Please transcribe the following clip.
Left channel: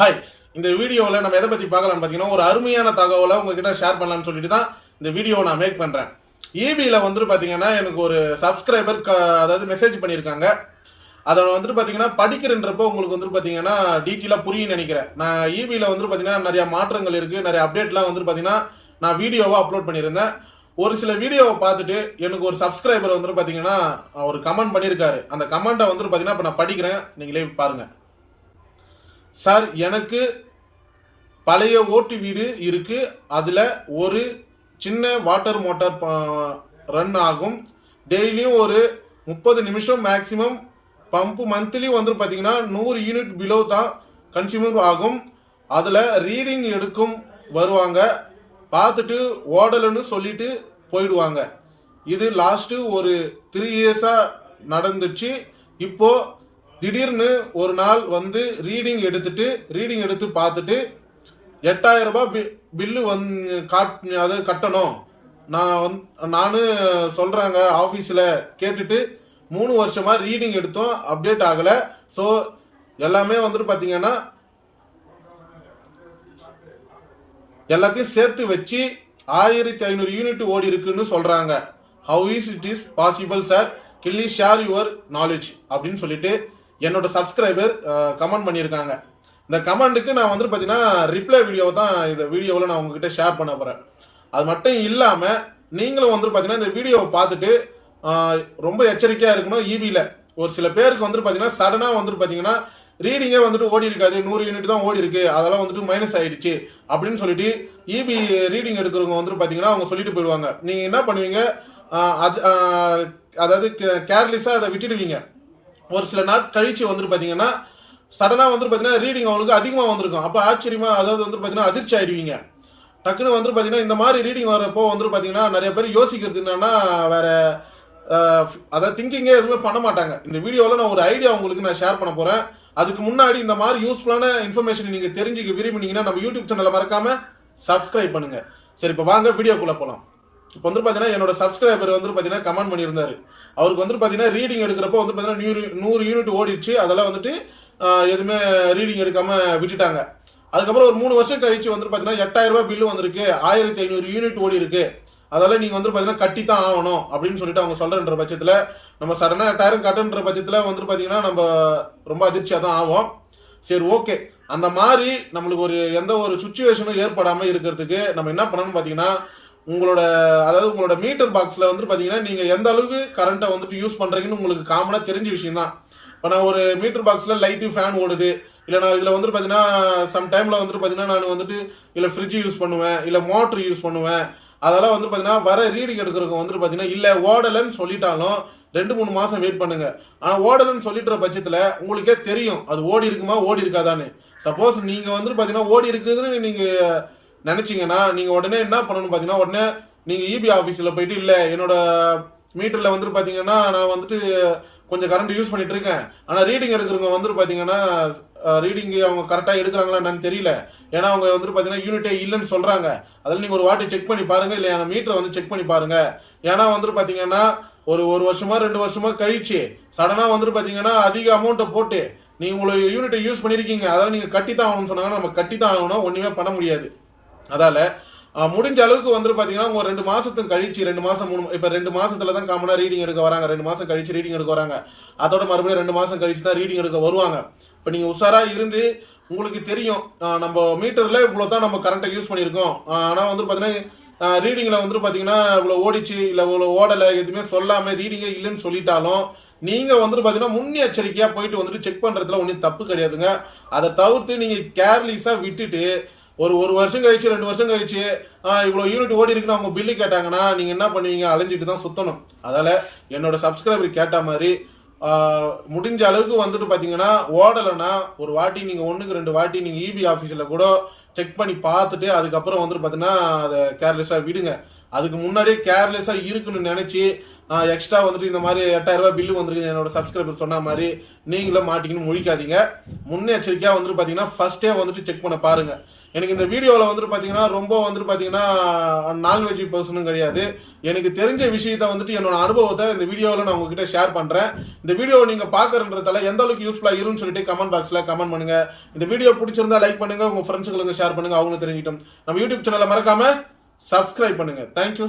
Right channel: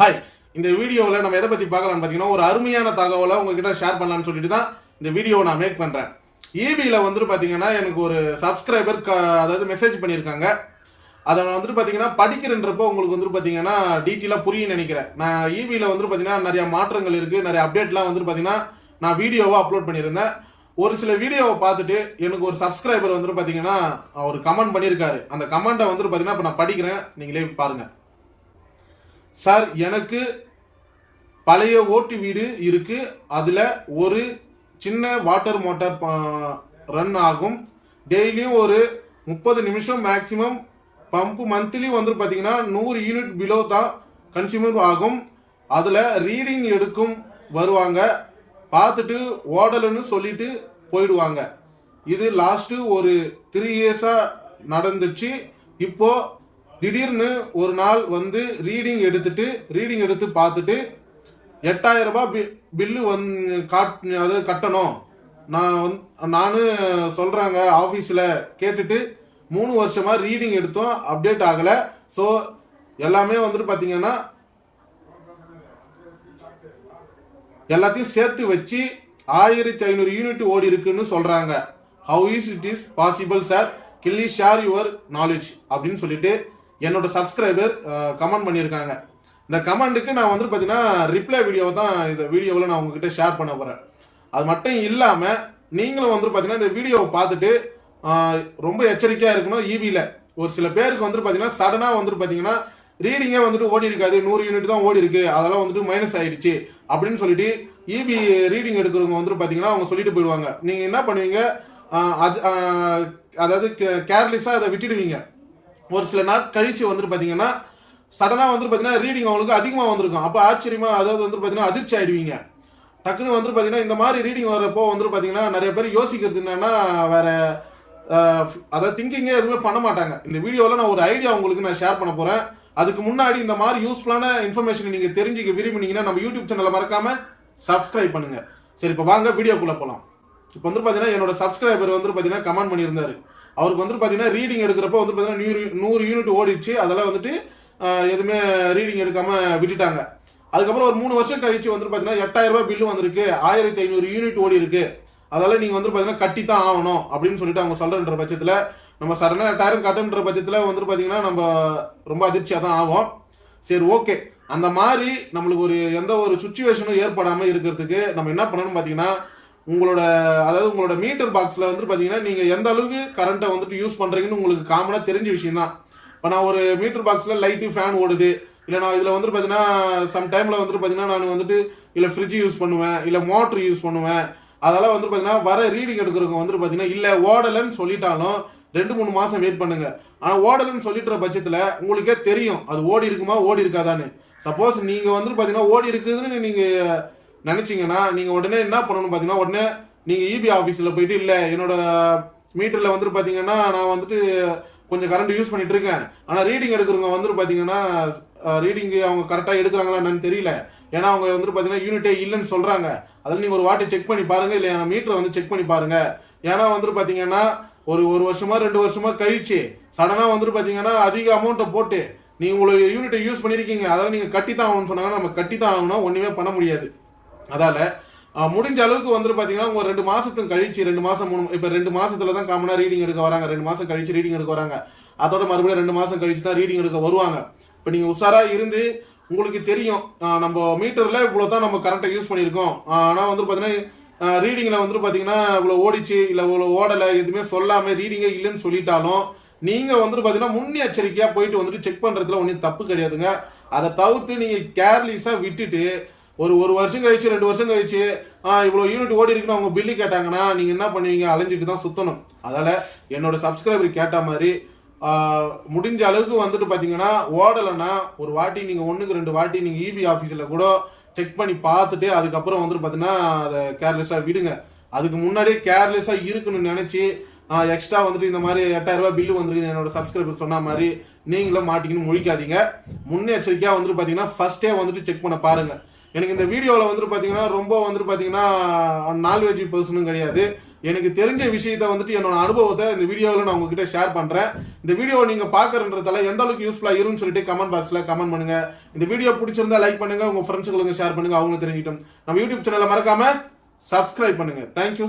Hi இந்த வீடியோவில் நம்ம எதை பற்றி பார்க்கலாம்னு பார்த்தீங்கன்னா ஒரு அருமையான தகவலை உங்ககிட்ட ஷேர் பண்ணலாம்னு சொல்லிட்டு தான் இந்த வீடியோவை நான் மேக் பண்ணுறேன் ஈபியில் வந்துட்டு பார்த்தீங்கன்னா எனக்கு ஒரு சப்ஸ்கிரைபர் க அதாவது மெசேஜ் பண்ணியிருக்காங்க. அதை வந்துட்டு பார்த்தீங்கன்னா படிக்கிறன்றப்போ உங்களுக்கு வந்துட்டு பார்த்தீங்கன்னா டீட்டெயிலாக புரியும் நினைக்கிறேன். நான் ஈபியில் வந்துட்டு பார்த்தீங்கன்னா நிறையா மாற்றங்கள் இருக்குது நிறைய அப்டேட்லாம் வந்துட்டு பார்த்தீங்கன்னா நான் வீடியோவாக அப்லோட் பண்ணியிருந்தேன். ஒரு சில வீடியோவை பார்த்துட்டு எனக்கு ஒரு சப்ஸ்கிரைபர் வந்துட்டு பார்த்தீங்கன்னா அவர் கமெண்ட் பண்ணியிருக்காரு. அந்த கமெண்ட்டை வந்துட்டு பார்த்தீங்கன்னா இப்போ நான் படிக்கிறேன். நீங்களே பாருங்கள் சார் எனக்கு பழைய ஓட்டு வீடு இருக்குது அதில் ஒரு சின்ன வாட்டர் மோட்டார் ரன் ஆகும். டெய்லியும் ஒரு முப்பது நிமிஷம் மேக்ஸிமம் பம்பு மந்த்லி வந்து பார்த்தீங்கன்னா நூறு யூனிட் பிலோ தான் கன்சியூமர் ஆகும். அதில் ரீடிங் எடுக்கும் வருவாங்க. பார்த்துட்டு ஓடலைன்னு சொல்லிட்டு போயிடுவாங்க. இது லாஸ்ட்டு ஒரு த்ரீ இயர்ஸாக நடந்துச்சு. இப்போது திடீர்னு ஒரு நாள் வந்து ரீடிங் எடுத்துட்டு ரீடிங் எடுத்து பார்த்துட்டு எட்டாயிரம் ரூபாய் பி பில்லு வந்து காட் அது கட்டணும். நான் வந்து நானும் சொல்கிறாங்க ஆஃபீஸில் கேட்டுட்டு மூணு வருஷமாக ரீடிங் எடுத்தோம் அப்டேட் ஆகலை. ஸோ எல்லாமே வந்துட்டு பார்த்தீங்கன்னா எல்லாத்தையும் சேர்த்து வச்சு ஆயிரத்தி ஐநூறு யூனிட் ஓடி இருக்குன்னு சொல்கிறாங்க how is it is possible sir kindly share your knowledge அப்படின்னு சொல்லிட்டு என்னோட சப்ஸ்கிரைபர் கமெண்ட் பண்ணியிருக்காங்க. இந்த கமெண்ட்டுக்கு நான் வந்து பார்த்தீங்கன்னா ரிப்ளை வீடியோ தான் இந்த வீடியோவில் நான் உங்ககிட்ட ஷேர் பண்ண போகிறேன் அது மட்டும் இல்லாமல் நீங்களும் வந்து பார்த்தீங்கன்னா இந்த வீடியோவை பார்த்துட்டு ரொம்ப எச்சரிக்கையாக இருக்கணும். ஈபியில் ஒரு சில பேருக்கு வந்துட்டு பார்த்தீங்கன்னா சடனாக வந்துட்டு பார்த்தீங்கன்னா ரீடிங்கே வந்துட்டு ஓடி இருக்காது. நூறு யூனிட் தான் ஓடி இருக்கு. அதெல்லாம் வந்துட்டு மைனஸ் ஆயிடுச்சு. அப்படின்னு சொல்லிட்டு இபி ரீடிங் எடுக்கிறவங்க வந்துட்டு பார்த்தீங்கன்னா அவங்க சொல்லிட்டு போயிடுவாங்க. நீங்கள் என்ன பண்ணுவீங்க? அது அதாவது கேர்லெஸ்ஸாக அதை விட்டுடுவீங்க. ஒரு சில நாள் கழிச்சு வந்துட்டு பார்த்தீங்கன்னா சடனாக வந்துட்டு பார்த்தீங்கன்னா ரீடிங் அவங்களுக்கு அதிகமாக வந்திருக்கும். அப்போ ஆச்சரியமாக அதாவது வந்துட்டு பார்த்தீங்கன்னா அதிர்ச்சி ஆயிடுவீங்க. டக்குன்னு வந்துட்டு பார்த்தீங்கன்னா இந்த மாதிரி ரீடிங் வரப்போ வந்துட்டு பார்த்தீங்கன்னா நிறைய பேர் யோசிக்கிறது என்னன்னா வேற அதாவது திங்கிங்கே எதுவுமே பண்ண மாட்டாங்க. இந்த வீடியோவில் நான் ஒரு ஐடியா உங்களுக்கு நான் ஷேர் பண்ண போகிறேன் அதுக்கு முன்னாடி இந்த மாதிரி யூஸ்ஃபுல்லான இன்ஃபர்மேஷன் நீங்கள் தெரிஞ்சுக்க விரும்பினீங்கன்னா நம்ம யூடியூப் சேனலை மறக்காம சப்ஸ்கிரைப் பண்ணுங்கள் சரி இப்போ வாங்க வீடியோக்குள்ளே போகலாம் இப்போ வந்து பார்த்தீங்கன்னா என்னோட சப்ஸ்கிரைபர் வந்து பார்த்தீங்கன்னா கமெண்ட் பண்ணியிருந்தாரு. அவருக்கு வந்து பார்த்தீங்கன்னா ரீடிங் எடுக்கிறப்போ வந்து பார்த்தீங்கன்னா நூறு நூறு யூனிட் ஓடிடுச்சு. அதெல்லாம் வந்துட்டு எதுவுமே ரீடிங் எடுக்காமல் விட்டுட்டாங்க. அதுக்கப்புறம் ஒரு மூணு வருஷம் கழிச்சு வந்துட்டு பார்த்தீங்கன்னா எட்டாயிரம் ரூபாய் பில்லு வந்திருக்கு. ஆயிரத்தி ஐநூறு யூனிட் ஓடி இருக்கு அதால நீங்கள் வந்து பார்த்தீங்கன்னா கட்டி தான் ஆகணும் அப்படின்னு சொல்லிட்டு அவங்க சொல்கிறன்ற பட்சத்தில் நம்ம சடனாக எட்டாயிரம் கட்டுன்ற பட்சத்தில் வந்துட்டு பார்த்தீங்கன்னா நம்ம ரொம்ப அதிர்ச்சியாக தான் ஆகும் சரி ஓகே அந்த மாதிரி நம்மளுக்கு ஒரு எந்த ஒரு சுச்சுவேஷனும் ஏற்படாமல் இருக்கிறதுக்கு நம்ம என்ன பண்ணணும்னு பார்த்தீங்கன்னா உங்களோட அதாவது உங்களோட மீட்டர் பாக்ஸில் வந்துட்டு பார்த்தீங்கன்னா நீங்கள் எந்த அளவுக்கு கரண்ட்டை வந்துட்டு யூஸ் பண்ணுறீங்கன்னு உங்களுக்கு காமனாக தெரிஞ்ச விஷயம் தான் இப்போ நான் ஒரு மீட்டர் பாக்ஸில் லைட்டு ஃபேன் ஓடுது. இல்லை நான் இதில் வந்துட்டு பார்த்தீங்கன்னா சம் டைமில் வந்துட்டு பார்த்தீங்கன்னா நான் வந்துட்டு இல்லை ஃப்ரிட்ஜ் யூஸ் பண்ணுவேன் இல்லை மோட்ரு யூஸ் பண்ணுவேன். அதெல்லாம் வந்து பார்த்தீங்கன்னா வர ரீடிங் எடுக்கிறவங்க வந்துட்டு பார்த்தீங்கன்னா இல்லை ஓடலைன்னு சொல்லிட்டாலும் ரெண்டு மூணு மாதம் வெயிட் பண்ணுங்க. ஆனால் ஓடலைன்னு சொல்லிட்டுற பட்சத்தில் உங்களுக்கே தெரியும் அது ஓடி இருக்குமா ஓடி இருக்காதான்னு. சப்போஸ் நீங்கள் வந்துட்டு பார்த்தீங்கன்னா ஓடி இருக்குதுன்னு நீங்கள் நினச்சிங்கன்னா நீங்கள் உடனே என்ன பண்ணணும்னு பார்த்தீங்கன்னா உடனே நீங்கள் இபி ஆஃபீஸில் போயிட்டு இல்லை என்னோட மீட்டரில் வந்துட்டு பார்த்தீங்கன்னா நான் வந்துட்டு கொஞ்சம் கரண்ட் யூஸ் பண்ணிட்டு இருக்கேன். ஆனால் ரீடிங் எடுக்கிறவங்க வந்துட்டு பார்த்தீங்கன்னா ரீடிங் அவங்க கரெக்டாக எடுக்கிறாங்களா என்னன்னு தெரியல. ஏன்னா அவங்க வந்துட்டு பார்த்தீங்கன்னா யூனிட்டே இல்லைன்னு சொல்கிறாங்க அதில் நீங்கள் ஒரு வாட்டி செக் பண்ணி பாருங்கள் இல்லை என் மீட்டரை வந்து செக் பண்ணி பாருங்கள் ஏன்னா வந்துட்டு பார்த்தீங்கன்னா ஒரு ஒரு வருஷமா ரெண்டு வருஷமா கழிச்சு சடனாக வந்துட்டு பார்த்தீங்கன்னா அதிக அமௌண்ட்டை போட்டு நீங்கள் உங்களை யூனிட்டை யூஸ் பண்ணியிருக்கீங்க அதெல்லாம் நீங்கள் கட்டி தான் ஆகணும்னு சொன்னாங்கன்னா நம்ம கட்டி தான் ஆகணும் ஒன்றுமே பண்ண முடியாது. அதால் முடிஞ்ச அளவுக்கு வந்துட்டு பார்த்தீங்கன்னா உங்கள் ரெண்டு மாதத்துக்கும் கழிச்சு ரெண்டு மாதம் மூணு இப்போ ரெண்டு மாதத்தில் தான் காமனாக ரீடிங் எடுக்க வராங்க. ரெண்டு மாதம் கழிச்சு ரீடிங் எடுக்க வராங்க. அதோட மறுபடியும் ரெண்டு மாதம் கழிச்சு தான் ரீடிங் எடுக்க வருவாங்க. இப்போ நீங்கள் உஷாராக இருந்து உங்களுக்கு தெரியும் நம்ம மீட்டரில் இவ்வளோ தான் நம்ம கரண்ட்டை யூஸ் பண்ணியிருக்கோம். ஆனால் வந்து பார்த்தீங்கன்னா ரீடிங்கில் வந்துட்டு பார்த்தீங்கன்னா இவ்வளோ ஓடிச்சு இல்லை இவ்வளோ ஓடலை எதுவுமே சொல்லாமல் ரீடிங்கே இல்லைன்னு சொல்லிட்டாலும் நீங்கள் வந்துட்டு பார்த்தீங்கன்னா முன்னெச்சரிக்கையாக போயிட்டு வந்துட்டு செக் பண்ணுறதுல ஒன்றும் தப்பு கிடையாதுங்க. அதை தவிர்த்து நீங்கள் கேர்லெஸ்ஸாக விட்டுட்டு ஒரு ஒரு வருஷம் கழிச்சு ரெண்டு வருஷம் கழிச்சு இவ்வளோ யூனிட் ஓடி இருக்குன்னு அவங்க பில்லு கேட்டாங்கன்னா நீங்கள் என்ன பண்ணுவீங்க? அலைஞ்சிட்டு தான் சுற்றணும் அதால் என்னோட சப்ஸ்கிரைபர் கேட்ட மாதிரி முடிஞ்ச அளவுக்கு வந்துட்டு பார்த்தீங்கன்னா ஓடலைன்னா ஒரு வாட்டி நீங்கள் ஒன்றுக்கு ரெண்டு வாட்டி நீங்கள் இபி ஆஃபீஸில் கூட செக் பண்ணி பார்த்துட்டு அதுக்கப்புறம் வந்துட்டு பார்த்தீங்கன்னா அதை கேர்லெஸ்ஸாக விடுங்க. அதுக்கு முன்னாடியே கேர்லெஸ்ஸாக இருக்குன்னு நினச்சி எக்ஸ்ட்ரா வந்துட்டு இந்த மாதிரி எட்டாயிரம் ரூபாய் பில்லு வந்துருக்கு என்னோட சப்ஸ்கிரைபர் சொன்ன மாதிரி நீங்களும் மாட்டிக்கின்னு முழிக்காதீங்க. முன்னெச்சரிக்கையாக வந்துட்டு பார்த்தீங்கன்னா ஃபஸ்ட்டே வந்துட்டு செக் பண்ண பாருங்கள் எனக்கு இந்த வீடியோவில் வந்துட்டு பார்த்தீங்கன்னா ரொம்ப வந்துட்டு பார்த்தீங்கன்னா நான்வெஜ் பர்சனும் கிடையாது. எனக்கு தெரிஞ்ச விஷயத்த வந்துட்டு என்னோட அனுபவத்தை இந்த வீடியோவில் நான் உங்ககிட்ட ஷேர் பண்ணுறேன் இந்த வீடியோ நீங்கள் பார்க்குறன்றதால எந்த அளவுக்கு யூஸ்ஃபுல்லாக இருக்குன்னு சொல்லிட்டு கமெண்ட் பாக்ஸில் கமெண்ட் பண்ணுங்கள் இந்த வீடியோ பிடிச்சிருந்தா லைக் பண்ணுங்கள் உங்கள் ஃப்ரெண்ட்ஸுங்களுக்கு ஷேர் பண்ணுங்கள் அவங்களும் தெரிஞ்சிட்டோம் நம்ம யூடியூப் சேனலை மறக்காமல் சப்ஸ்கிரைப் பண்ணுங்கள் தேங்க்யூ